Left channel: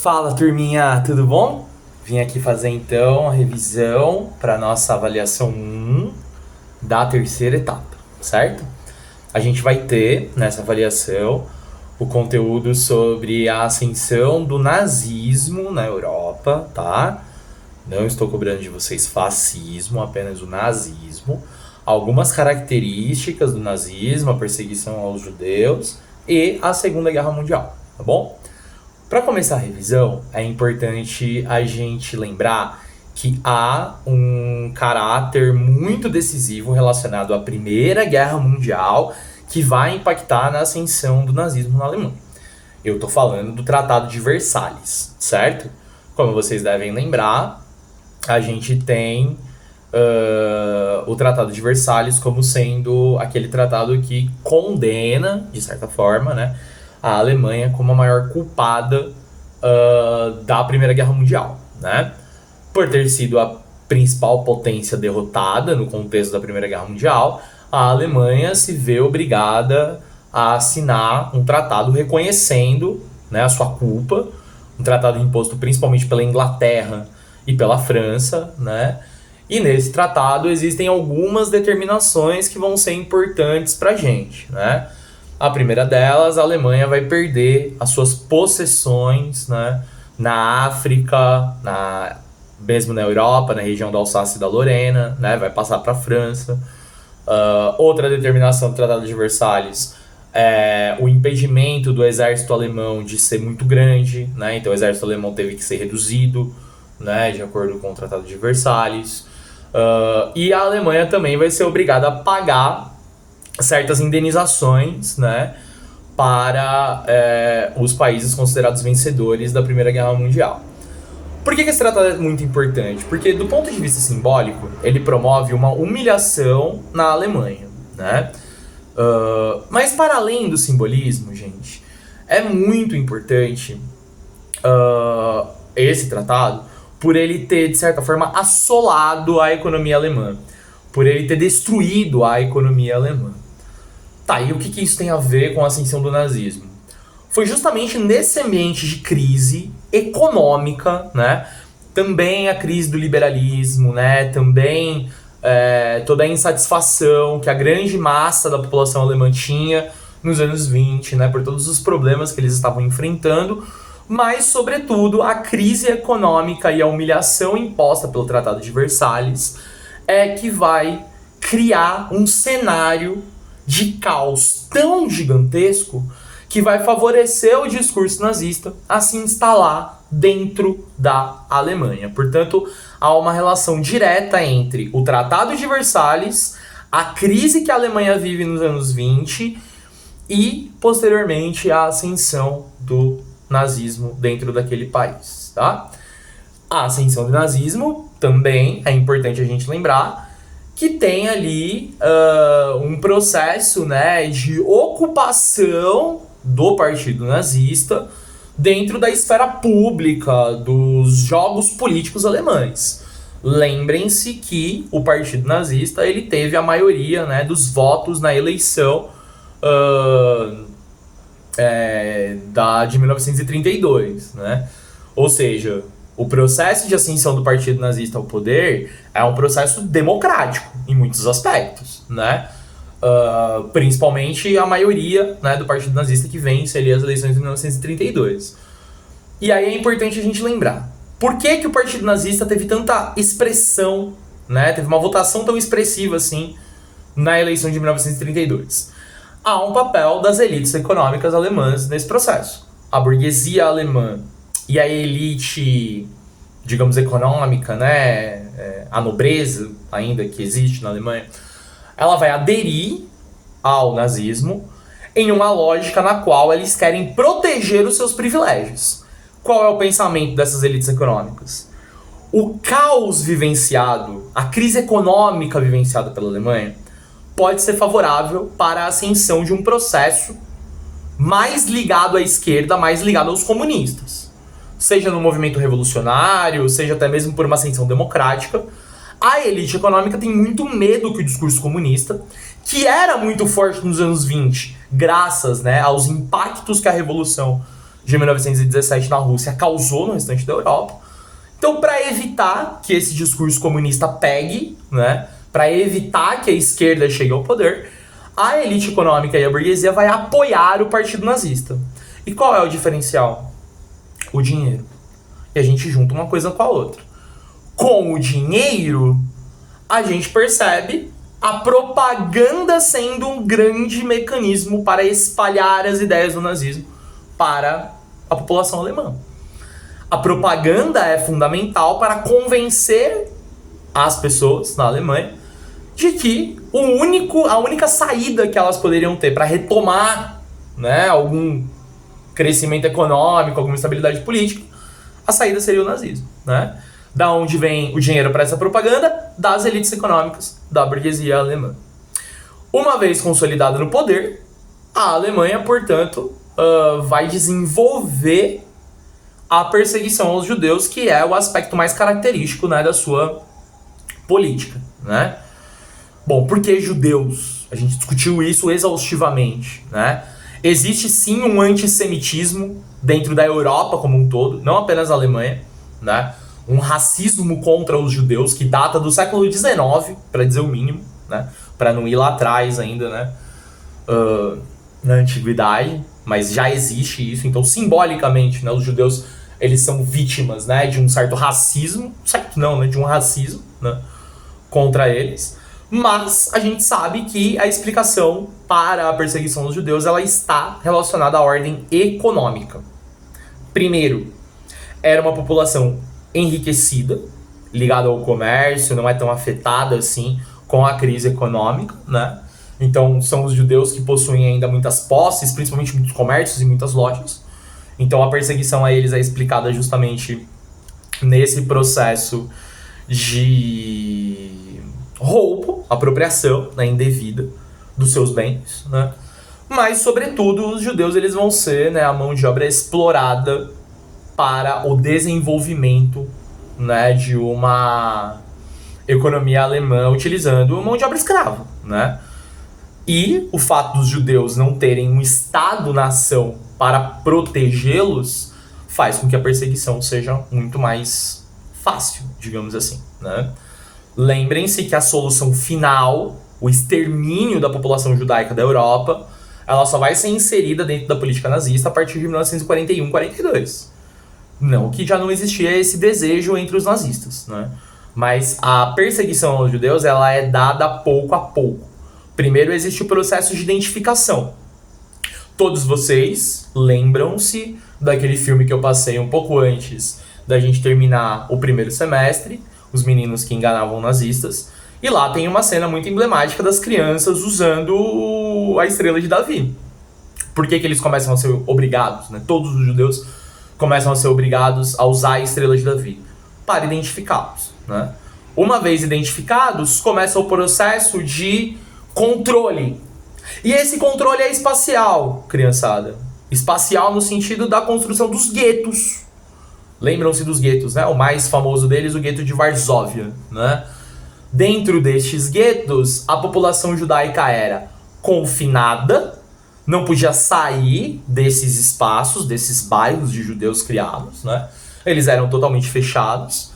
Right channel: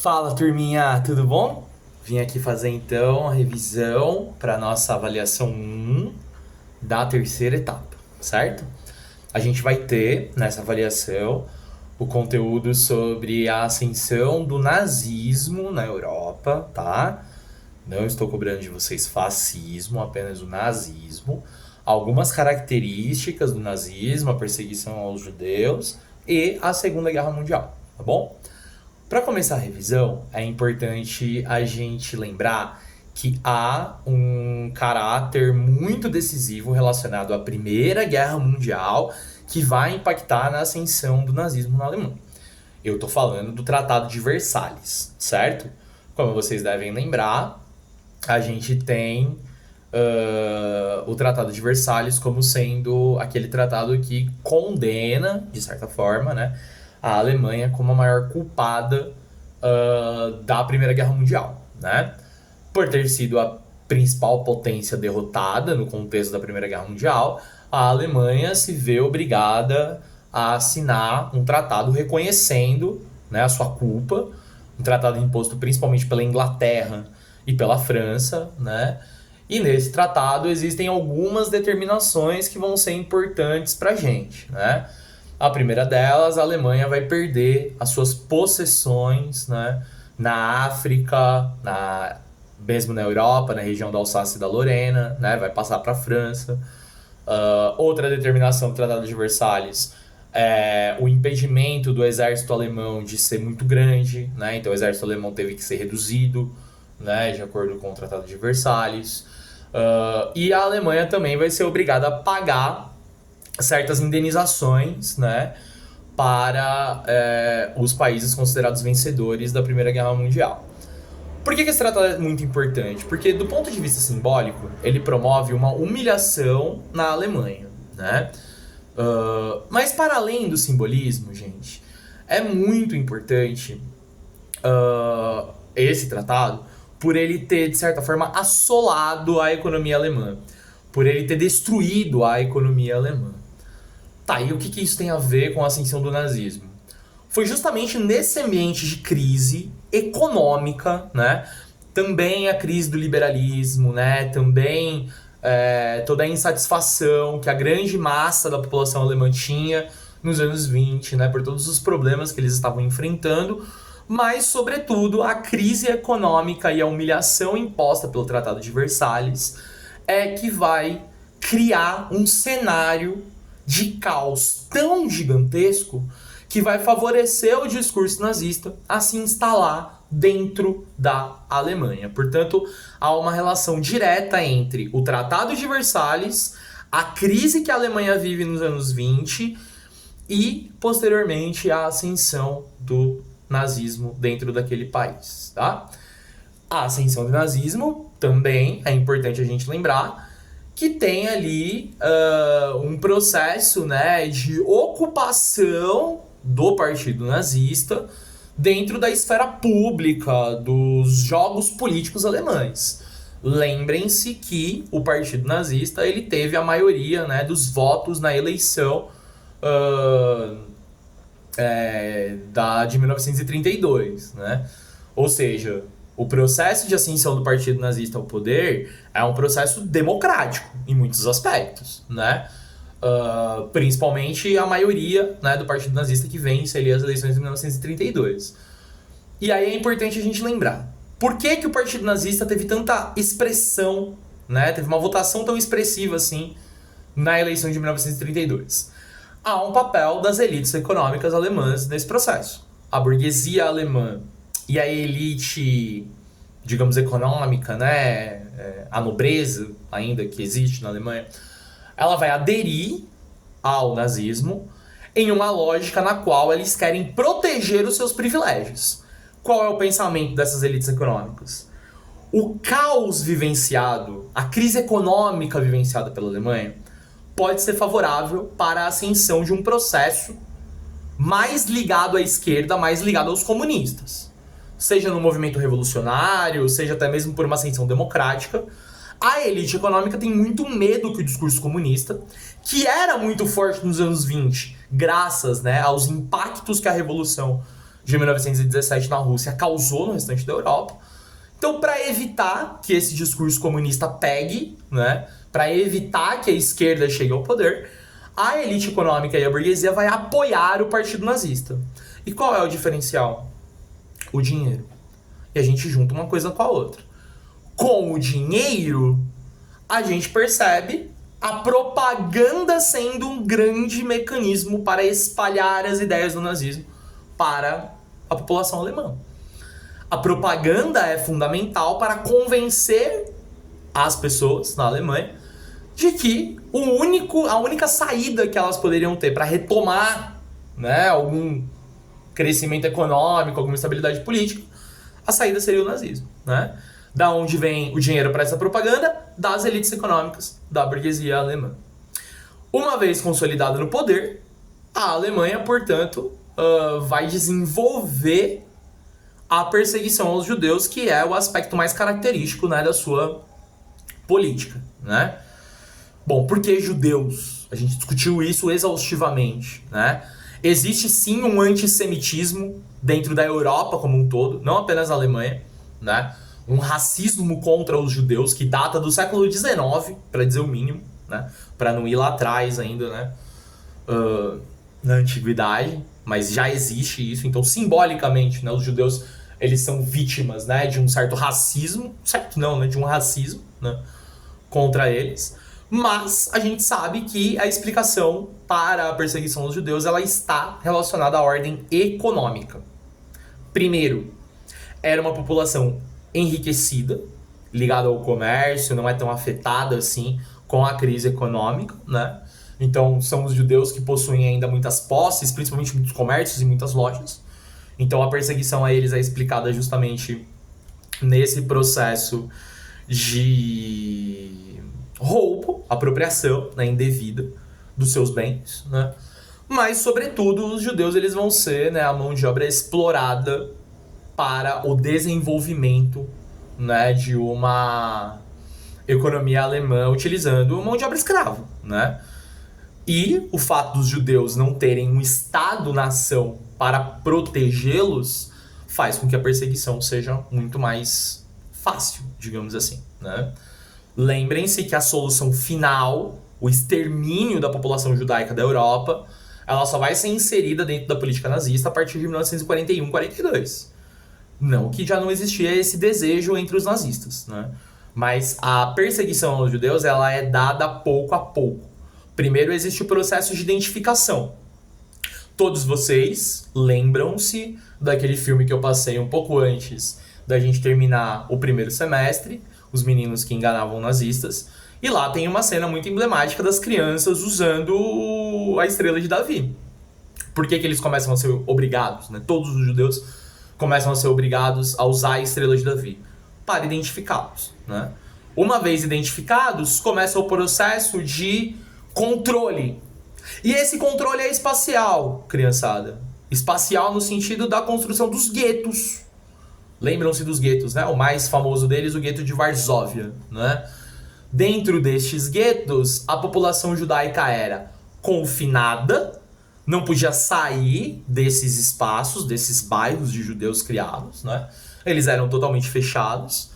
Fala, turminha, tudo bom? Vim aqui fazer então a revisão para nossa avaliação 1 da terceira etapa, certo? A gente vai ter nessa avaliação o conteúdo sobre a ascensão do nazismo na Europa, tá? Não estou cobrando de vocês fascismo, apenas o nazismo. Algumas características do nazismo, a perseguição aos judeus e a Segunda Guerra Mundial, tá bom? Para começar a revisão, é importante a gente lembrar que há um caráter muito decisivo relacionado à Primeira Guerra Mundial que vai impactar na ascensão do nazismo na Alemanha. Eu estou falando do Tratado de Versalhes, certo? Como vocês devem lembrar, a gente tem o Tratado de Versalhes como sendo aquele tratado que condena, de certa forma, né, a Alemanha como a maior culpada da Primeira Guerra Mundial, né? Por ter sido a principal potência derrotada no contexto da Primeira Guerra Mundial, a Alemanha se vê obrigada a assinar um tratado reconhecendo, né, a sua culpa, um tratado imposto principalmente pela Inglaterra e pela França, né? E nesse tratado existem algumas determinações que vão ser importantes para a gente, né? A primeira delas, a Alemanha vai perder as suas possessões, né, na África, mesmo na Europa, na região da Alsácia e da Lorena, né, vai passar para a França. Outra determinação do Tratado de Versalhes é o impedimento do exército alemão de ser muito grande, né, então o exército alemão teve que ser reduzido, né, de acordo com o Tratado de Versalhes. E a Alemanha também vai ser obrigada a pagar certas indenizações, né, para os países considerados vencedores da Primeira Guerra Mundial. Por que esse tratado é muito importante? Porque, do ponto de vista simbólico, ele promove uma humilhação na Alemanha, né? Mas, para além do simbolismo, gente, é muito importante esse tratado por ele ter, de certa forma, assolado a economia alemã, por ele ter destruído a economia alemã. Tá, e o que isso tem a ver com a ascensão do nazismo? Foi justamente nesse ambiente de crise econômica, né? Também a crise do liberalismo, né? Também toda a insatisfação que a grande massa da população alemã tinha nos anos 20, né? Por todos os problemas que eles estavam enfrentando, mas, sobretudo, a crise econômica e a humilhação imposta pelo Tratado de Versalhes é que vai criar um cenário de caos tão gigantesco que vai favorecer o discurso nazista a se instalar dentro da Alemanha. Portanto, há uma relação direta entre o Tratado de Versalhes, a crise que a Alemanha vive nos anos 20 e, posteriormente, a ascensão do nazismo dentro daquele país, tá? A ascensão do nazismo também é importante a gente lembrar que tem ali um processo, né, de ocupação do partido nazista dentro da esfera pública dos jogos políticos alemães. Lembrem-se que o partido nazista ele teve a maioria, né, dos votos na eleição de 1932, né? Ou seja, o processo de ascensão do partido nazista ao poder é um processo democrático em muitos aspectos, né? Principalmente a maioria, né, do partido nazista que vence ali as eleições de 1932. E aí é importante a gente lembrar, por que o partido nazista teve tanta expressão, né, teve uma votação tão expressiva assim na eleição de 1932? Há um papel das elites econômicas alemãs nesse processo. A burguesia alemã e a elite, digamos, econômica, né, a nobreza ainda que existe na Alemanha, ela vai aderir ao nazismo em uma lógica na qual eles querem proteger os seus privilégios. Qual é o pensamento dessas elites econômicas? O caos vivenciado, a crise econômica vivenciada pela Alemanha, pode ser favorável para a ascensão de um processo mais ligado à esquerda, mais ligado aos comunistas. Seja no movimento revolucionário, seja até mesmo por uma ascensão democrática, a elite econômica tem muito medo que o discurso comunista, que era muito forte nos anos 20, graças, né, aos impactos que a Revolução de 1917 na Rússia causou no restante da Europa. Então, para evitar que esse discurso comunista pegue, né, para evitar que a esquerda chegue ao poder, a elite econômica e a burguesia vai apoiar o partido nazista. E qual é o diferencial? O dinheiro. E a gente junta uma coisa com a outra. Com o dinheiro, a gente percebe a propaganda sendo um grande mecanismo para espalhar as ideias do nazismo para a população alemã. A propaganda é fundamental para convencer as pessoas na Alemanha de que a única saída que elas poderiam ter para retomar, né, algum crescimento econômico, alguma estabilidade política, a saída seria o nazismo, né? Da onde vem o dinheiro para essa propaganda? Das elites econômicas da burguesia alemã. Uma vez consolidada no poder, a Alemanha, portanto, vai desenvolver a perseguição aos judeus, que é o aspecto mais característico, né, da sua política, né? Bom, por que judeus? A gente discutiu isso exaustivamente, né? Existe sim um antissemitismo dentro da Europa como um todo, não apenas na Alemanha, né? Um racismo contra os judeus que data do século XIX, para dizer o mínimo, né? Para não ir lá atrás ainda, né? Na antiguidade, mas já existe isso. Então, simbolicamente, né, os judeus, eles são vítimas, né, de um certo racismo, certo não, né, de um racismo, né, contra eles. Mas a gente sabe que a explicação para a perseguição dos judeus, ela está relacionada à ordem econômica. Primeiro, era uma população enriquecida, ligada ao comércio, não é tão afetada assim com a crise econômica, né? Então são os judeus que possuem ainda muitas posses, principalmente muitos comércios e muitas lojas. Então a perseguição a eles é explicada justamente nesse processo de roubo, apropriação, né, indevida dos seus bens, né? Mas, sobretudo, os judeus eles vão ser, né, a mão de obra explorada para o desenvolvimento, né, de uma economia alemã utilizando mão de obra escrava, né? E o fato dos judeus não terem um Estado-nação para protegê-los faz com que a perseguição seja muito mais fácil, digamos assim, né? Lembrem-se que a solução final, o extermínio da população judaica da Europa, ela só vai ser inserida dentro da política nazista a partir de 1941-42. Não que já não existia esse desejo entre os nazistas, né? Mas a perseguição aos judeus, ela é dada pouco a pouco. Primeiro existe o processo de identificação. Todos vocês lembram-se daquele filme que eu passei um pouco antes da gente terminar o primeiro semestre, Os Meninos que Enganavam Nazistas, e lá tem uma cena muito emblemática das crianças usando a estrela de Davi. Por que eles começam a ser obrigados, né? Todos os judeus começam a ser obrigados a usar a estrela de Davi para identificá-los, né? Uma vez identificados, começa o processo de controle. E esse controle é espacial, criançada. Espacial no sentido da construção dos guetos. Lembram-se dos guetos, né? O mais famoso deles, o gueto de Varsóvia, né? Dentro destes guetos, a população judaica era confinada, não podia sair desses espaços, desses bairros de judeus criados, né? Eles eram totalmente fechados.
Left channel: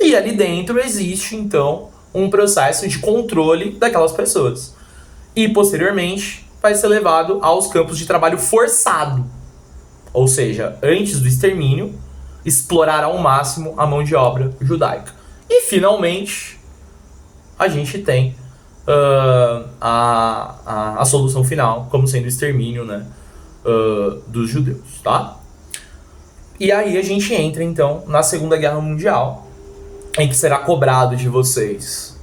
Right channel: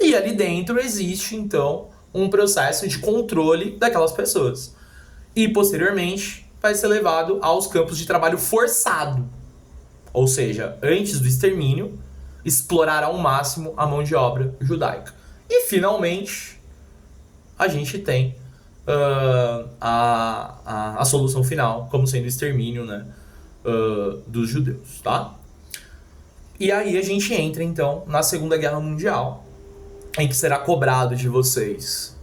E ali dentro existe, então, um processo de controle daquelas pessoas. E, posteriormente, vai ser levado aos campos de trabalho forçado. Ou seja, antes do extermínio, explorar ao máximo a mão de obra judaica. E, finalmente, a gente tem a solução final, como sendo o extermínio, né, dos judeus, tá? E aí a gente entra, então, na Segunda Guerra Mundial, em que será cobrado de vocês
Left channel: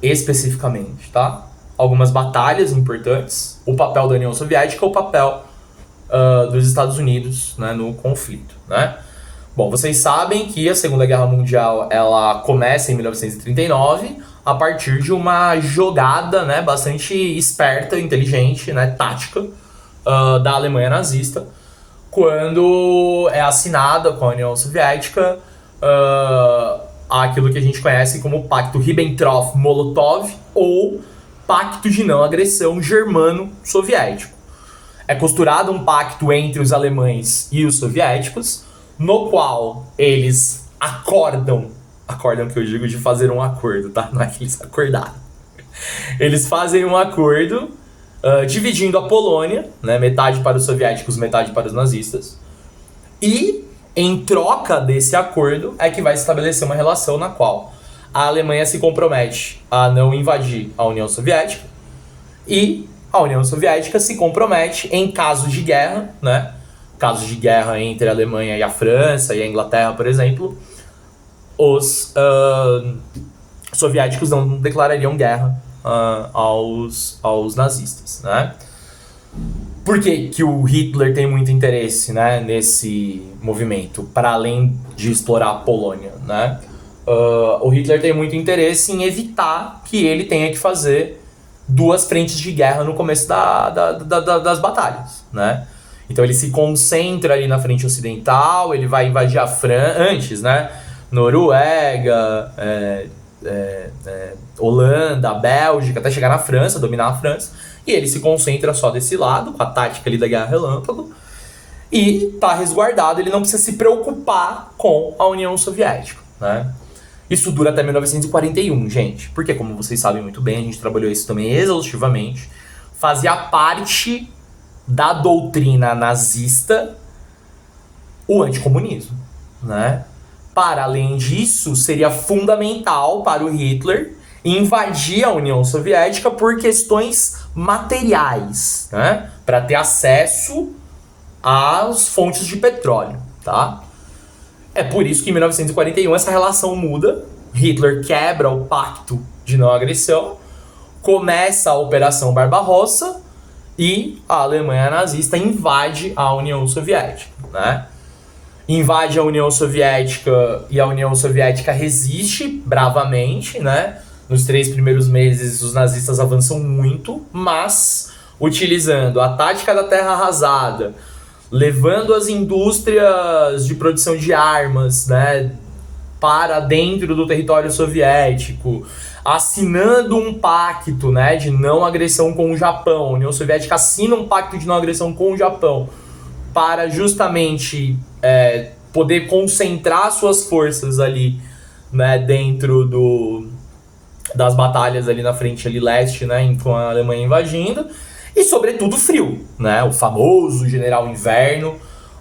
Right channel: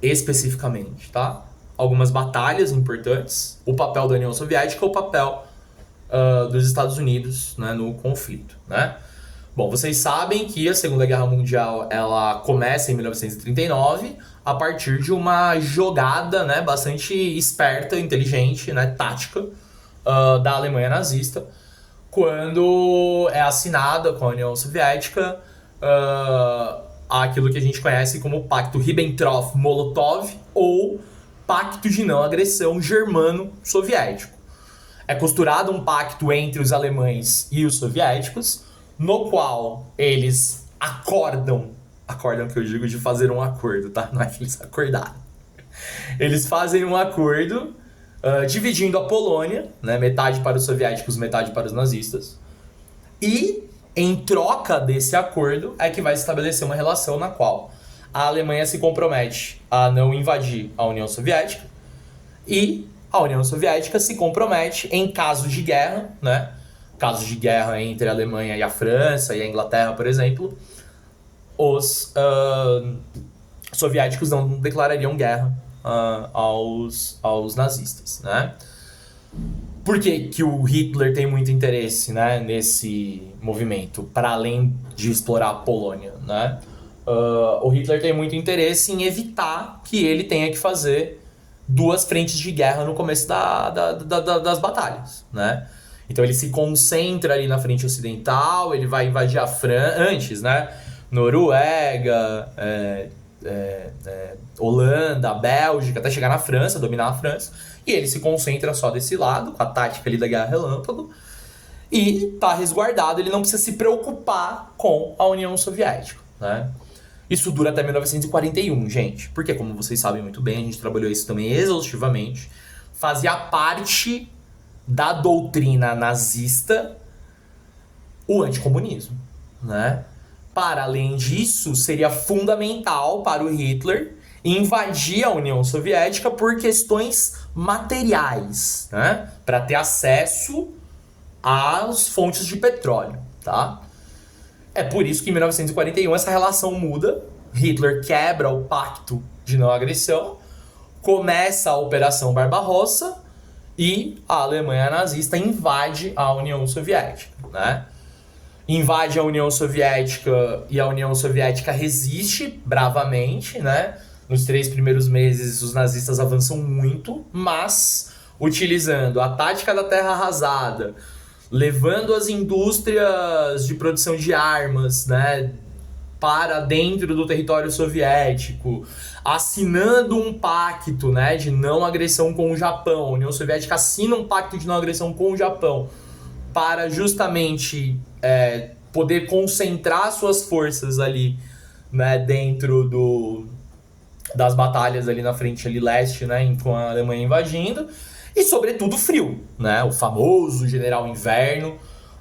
especificamente, tá? Algumas batalhas importantes, o papel da União Soviética, o papel dos Estados Unidos, né, no conflito, né? Bom, vocês sabem que a Segunda Guerra Mundial ela começa em 1939 a partir de uma jogada, né, bastante esperta, inteligente, né, tática da Alemanha nazista, quando é assinada com a União Soviética aquilo que a gente conhece como Pacto Ribbentrop-Molotov ou Pacto de Não Agressão Germano-Soviético. é costurado um pacto entre os alemães e os soviéticos, no qual eles acordam que eu digo de fazer um acordo, tá? Não é que eles acordaram. Eles fazem um acordo dividindo a Polônia, né? Metade para os soviéticos, metade para os nazistas. E, em troca desse acordo, é que vai se estabelecer uma relação na qual a Alemanha se compromete a não invadir a União Soviética e a União Soviética se compromete em casos de guerra, né? Casos de guerra entre a Alemanha e a França e a Inglaterra, por exemplo, os soviéticos não declarariam guerra aos nazistas, né? Por que o Hitler tem muito interesse, né, nesse movimento, para além de explorar a Polônia, né? O Hitler tem muito interesse em evitar que ele tenha que fazer duas frentes de guerra no começo das batalhas, né? Então ele se concentra ali na frente ocidental, ele vai invadir a França antes, né? Noruega, Holanda, Bélgica, até chegar na França, dominar a França. E ele se concentra só desse lado, com a tática ali da Guerra Relâmpago. E tá resguardado, ele não precisa se preocupar com a União Soviética, né? Isso dura até 1941, gente. Porque, como vocês sabem muito bem, a gente trabalhou isso também exaustivamente. Fazia parte da doutrina nazista o anticomunismo, né? Para além disso, seria fundamental para o Hitler invadir a União Soviética por questões materiais, né? Para ter acesso às fontes de petróleo, tá? É por isso que em 1941 essa relação muda. Hitler quebra o pacto de não agressão, começa a Operação Barbarossa e a Alemanha nazista invade a União Soviética, né? Invade a União Soviética e a União Soviética resiste bravamente, né? Nos 3 primeiros meses os nazistas avançam muito, mas utilizando a tática da terra arrasada, levando as indústrias de produção de armas, né, para dentro do território soviético, assinando um pacto, né, de não agressão com o Japão. A União Soviética assina um pacto de não agressão com o Japão para justamente poder concentrar suas forças ali, né, dentro das batalhas ali na frente ali leste, né, com a Alemanha invadindo. E, sobretudo, frio, né? O famoso general inverno,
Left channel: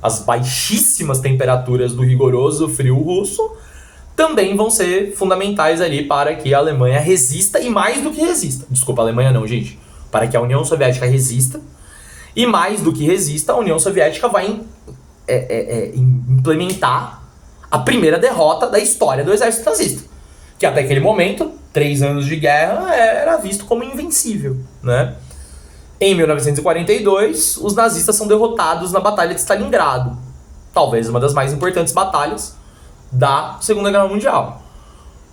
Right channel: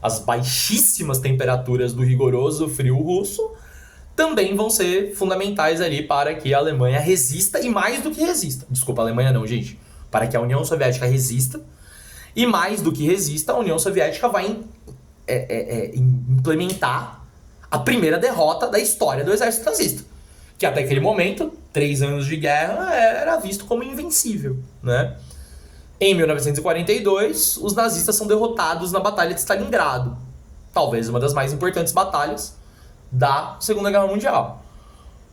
as baixíssimas temperaturas do rigoroso frio russo também vão ser fundamentais ali para que a Alemanha resista, e mais do que resista. Desculpa, a Alemanha não, gente. Para que a União Soviética resista, e mais do que resista, a União Soviética vai implementar a primeira derrota da história do exército nazista. Que até aquele momento, 3 anos de guerra, era visto como invencível, né? Em 1942, os nazistas são derrotados na Batalha de Stalingrado, talvez uma das mais importantes batalhas da Segunda Guerra Mundial.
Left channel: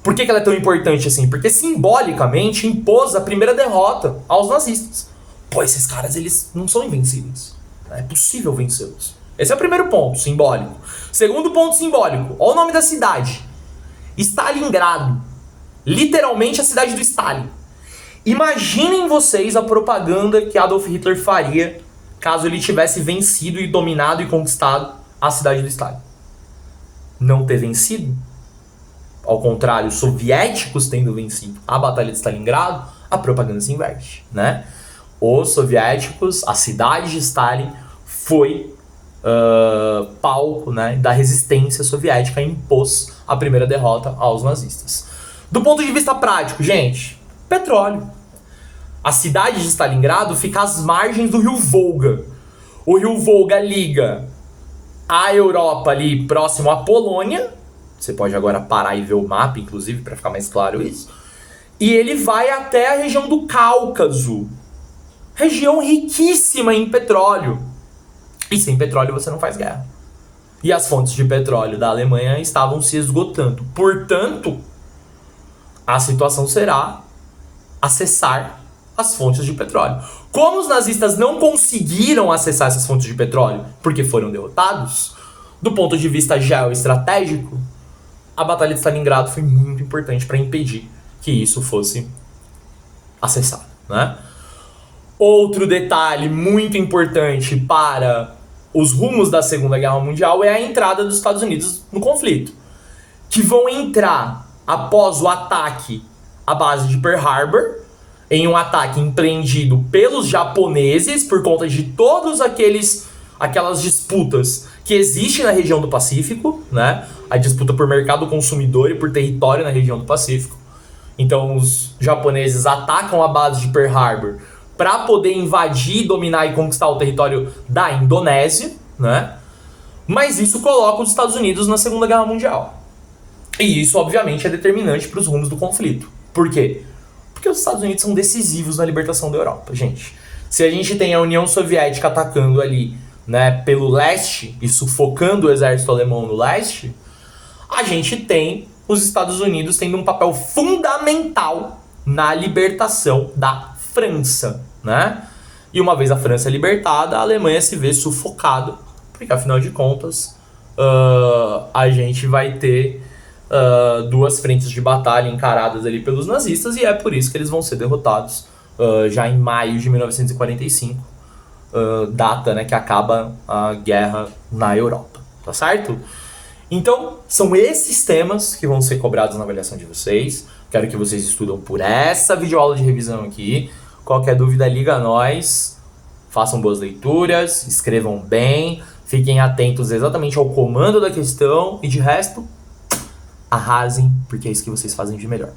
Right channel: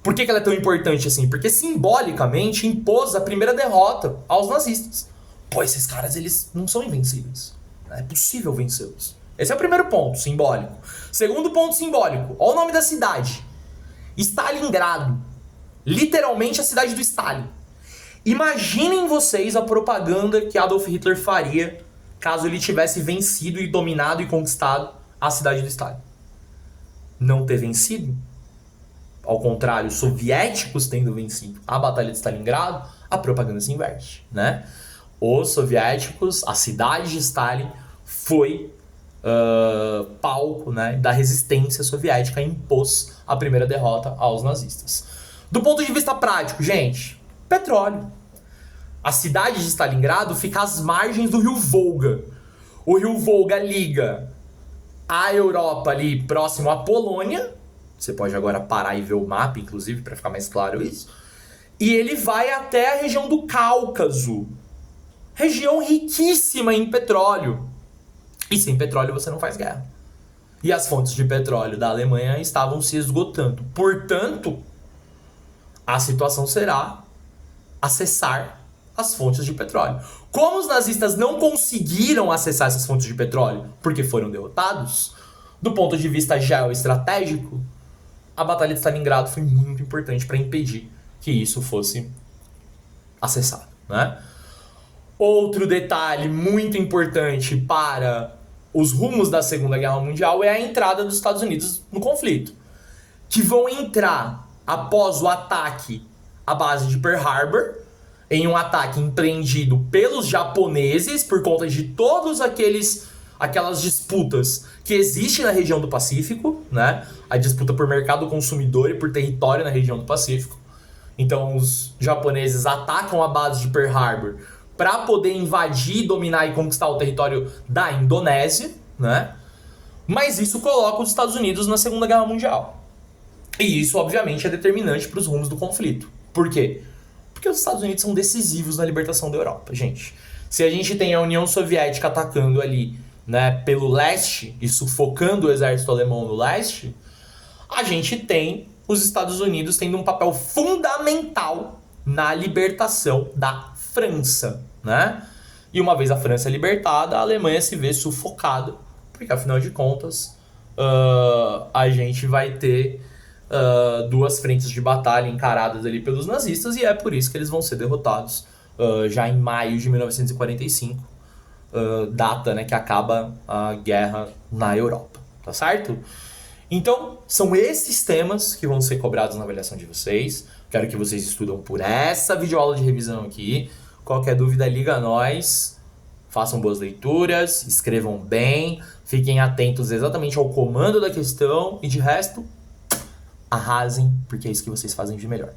Por que ela é tão importante assim? Porque simbolicamente impôs a primeira derrota aos nazistas. Pô, esses caras, eles não são invencíveis. É possível vencê-los. Esse é o primeiro ponto simbólico. Segundo ponto simbólico, olha o nome da cidade. Stalingrado. Literalmente a cidade do Stalin. Imaginem vocês a propaganda que Adolf Hitler faria caso ele tivesse vencido e dominado e conquistado a cidade do Stalin. Não ter vencido? Ao contrário, os soviéticos tendo vencido a Batalha de Stalingrado, a propaganda se inverte, né? Os soviéticos, a cidade de Stalin foi palco, né, da resistência soviética e impôs a primeira derrota aos nazistas. Do ponto de vista prático, gente, petróleo. A cidade de Stalingrado fica às margens do rio Volga. O rio Volga liga a Europa ali próximo à Polônia. Você pode agora parar e ver o mapa, inclusive, para ficar mais claro isso. E ele vai até a região do Cáucaso. Região riquíssima em petróleo. E sem petróleo você não faz guerra. E as fontes de petróleo da Alemanha estavam se esgotando. Portanto, a situação será acessar as fontes de petróleo. Como os nazistas não conseguiram acessar essas fontes de petróleo porque foram derrotados, do ponto de vista geoestratégico, a Batalha de Stalingrado foi muito importante para impedir que isso fosse acessado, né? Outro detalhe muito importante para os rumos da Segunda Guerra Mundial é a entrada dos Estados Unidos no conflito, que vão entrar após o ataque à base de Pearl Harbor, em um ataque empreendido pelos japoneses por conta de todos aquelas disputas que existem na região do Pacífico, né? A disputa por mercado consumidor e por território na região do Pacífico. Então os japoneses atacam a base de Pearl Harbor para poder invadir, dominar e conquistar o território da Indonésia, né? Mas isso coloca os Estados Unidos na Segunda Guerra Mundial. E isso, obviamente, é determinante para os rumos do conflito. Por quê? Porque os Estados Unidos são decisivos na libertação da Europa, gente. Se a gente tem a União Soviética atacando ali, né, pelo leste e sufocando o exército alemão no leste, a gente tem os Estados Unidos tendo um papel fundamental na libertação da França, né? E uma vez a França libertada, a Alemanha se vê sufocada, porque afinal de contas a gente vai ter duas frentes de batalha encaradas ali pelos nazistas, e é por isso que eles vão ser derrotados já em maio de 1945, data, né, que acaba a guerra na Europa, tá certo? Então, são esses temas que vão ser cobrados na avaliação de vocês. Quero que vocês estudem por essa videoaula de revisão aqui. Qualquer dúvida, liga a nós. Façam boas leituras, escrevam bem, fiquem atentos exatamente ao comando da questão e de resto, arrasem, porque é isso que vocês fazem de melhor.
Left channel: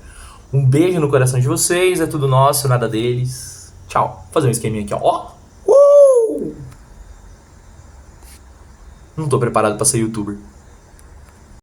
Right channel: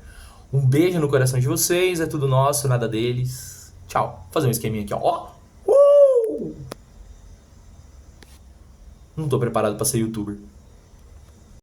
Um beijo no coração de vocês, é tudo nosso, nada deles. Tchau. Vou fazer um esqueminha aqui, ó. Não tô preparado pra ser youtuber.